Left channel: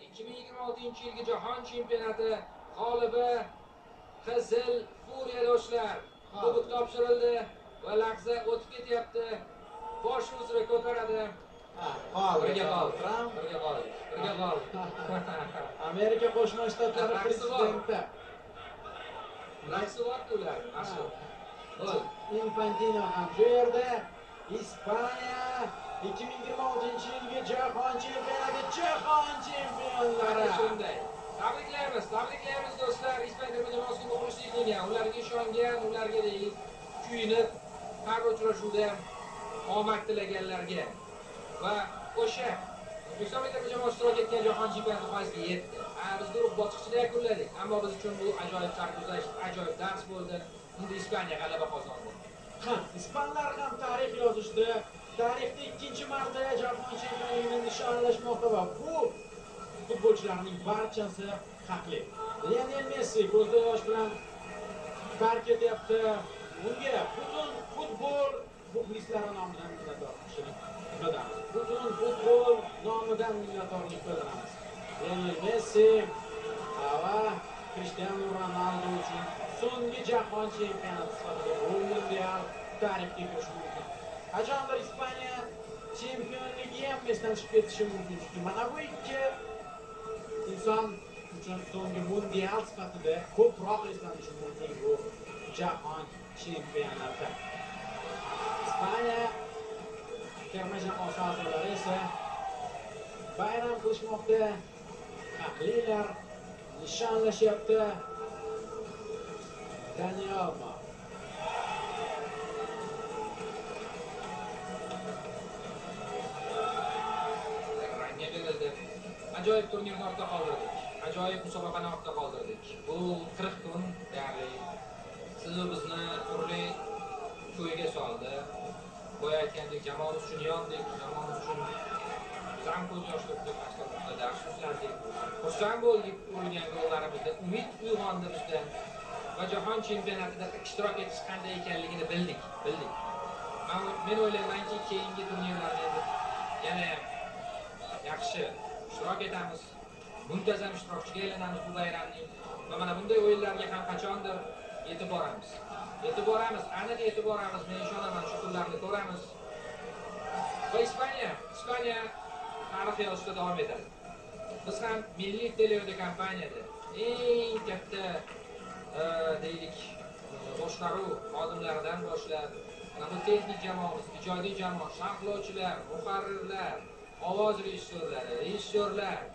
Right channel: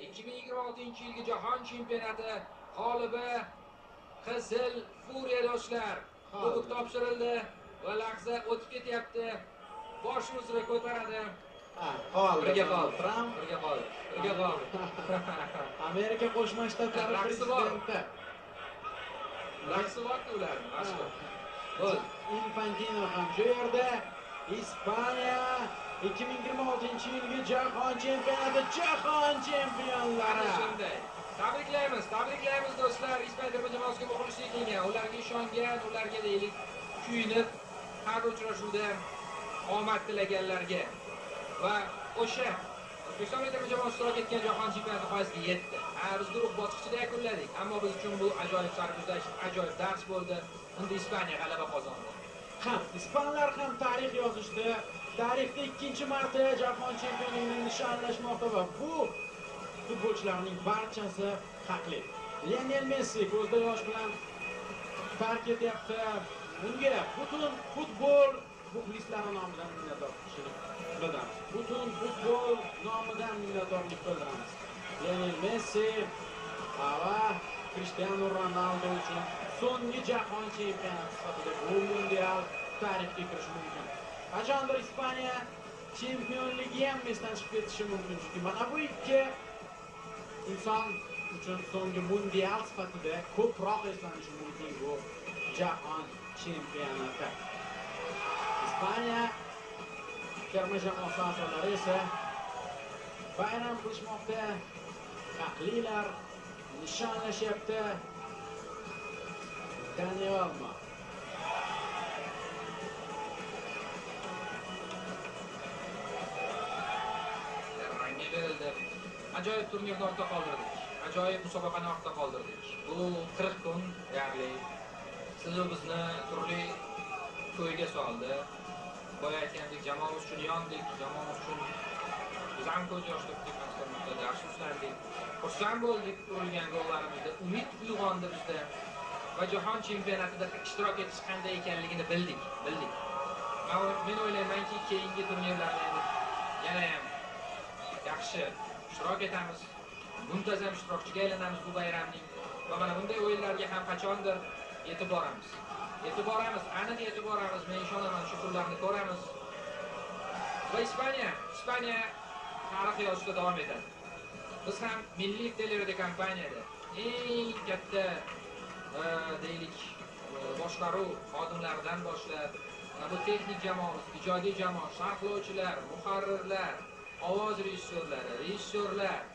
2026-yilgi Jahon chempionati g'olibi Qizil Furiya do'stlar. Kubok topshirildi va lahza o'tib ketyapti. Bosh uzra ko'taradi. Birga qoldi. Amerika Qo'shma Shtatlari prezidenti. Raqsi bor ular. Infantino ham shu yerda. Ispaniya 2026-yilgi Jahon chempionati chempionlari. Shunday. Tabriklaymiz do'stlar. Ispaniya terma jamoasiga muxlislik qilgan, ularga ishongan, ularga deylik kuyinib, har uchrashuvda omad tilaganlarga va o'sha O'zbekiston terma jamoasi ishtirok etgan Jahon chempionati g'oyasiga yetdi. Biz guruh bosqichida yakunladik, ammo biz uchun bu ajoyib sarguzasht, ajoyib dars bo'ldi. Unda Ispaniya g'alaba qozondi. Ispanlar ham tarix yozishdi. Tarixda ikkinchi marta Jahon chempionligini nishonlashmoqda va bu futbolchilarning barchasi haqli. Lionel Messi ko'zda yosh bilan tark etyapti. Unga butun futbol muxlislari nomidan minnatdorchilik bildiramiz. Butun futbol nomidan minnatdorlik bildiramiz. Lionel Messi va Cristiano Ronaldo uchun so'nggi Jahon chempionati sifatida bu mundial tarixga kirishi mumkin. Qachondir Ispaniya chempionligi ham esdan chiqib ketishi mumkin. Chunki mana bu ikki inson uchun so'nggi mundial sifatida ko'proq eslanishi mumkin bu Jahon chempionati. Ispaniya terma jamoasi a'zolari esa bayram qilishmoqda. Haqlilar nishonlashyapti. Daniel Ajoyib turnirni ortda qoldirdik. Ajoyib musobaqani ortda qoldirdik. Bu 40 kun, ya'ni siz bizni turli ko'yga soldi. Boya aytgandek, jamoamiz uchun yondik, jamoamiz uchun biz ham ko'z yosh to'kdik, mazkur dars ushladik. Xursand bo'ldik urilgan gollarimizda, umid uyg'ondi bizda va jahon chempionatida ishtirok etish qanday ekanligini bildik. Men o'ylaymanki, keyingi turnirlarda yana ham yaxshi ishtirok etamiz, muntazam ishtirokchiga aylanamiz bu bayramning va mana bunday o'yinlarga ham qachondir yetib boramiz. Aniq yetib boramiz. Men ishonaman, shu kunlarni ko'ramiz. Va Ispaniya tarix yozishda davom etadi. Biz ham milliy teleradiokompaniyada eng katta deylik boshqaruv xodimlaridan boshlab, bu texnik jamoamiz, ijodiy jamoa, sharhlovchilar, muharrirlar, ovoz rejissyorlari,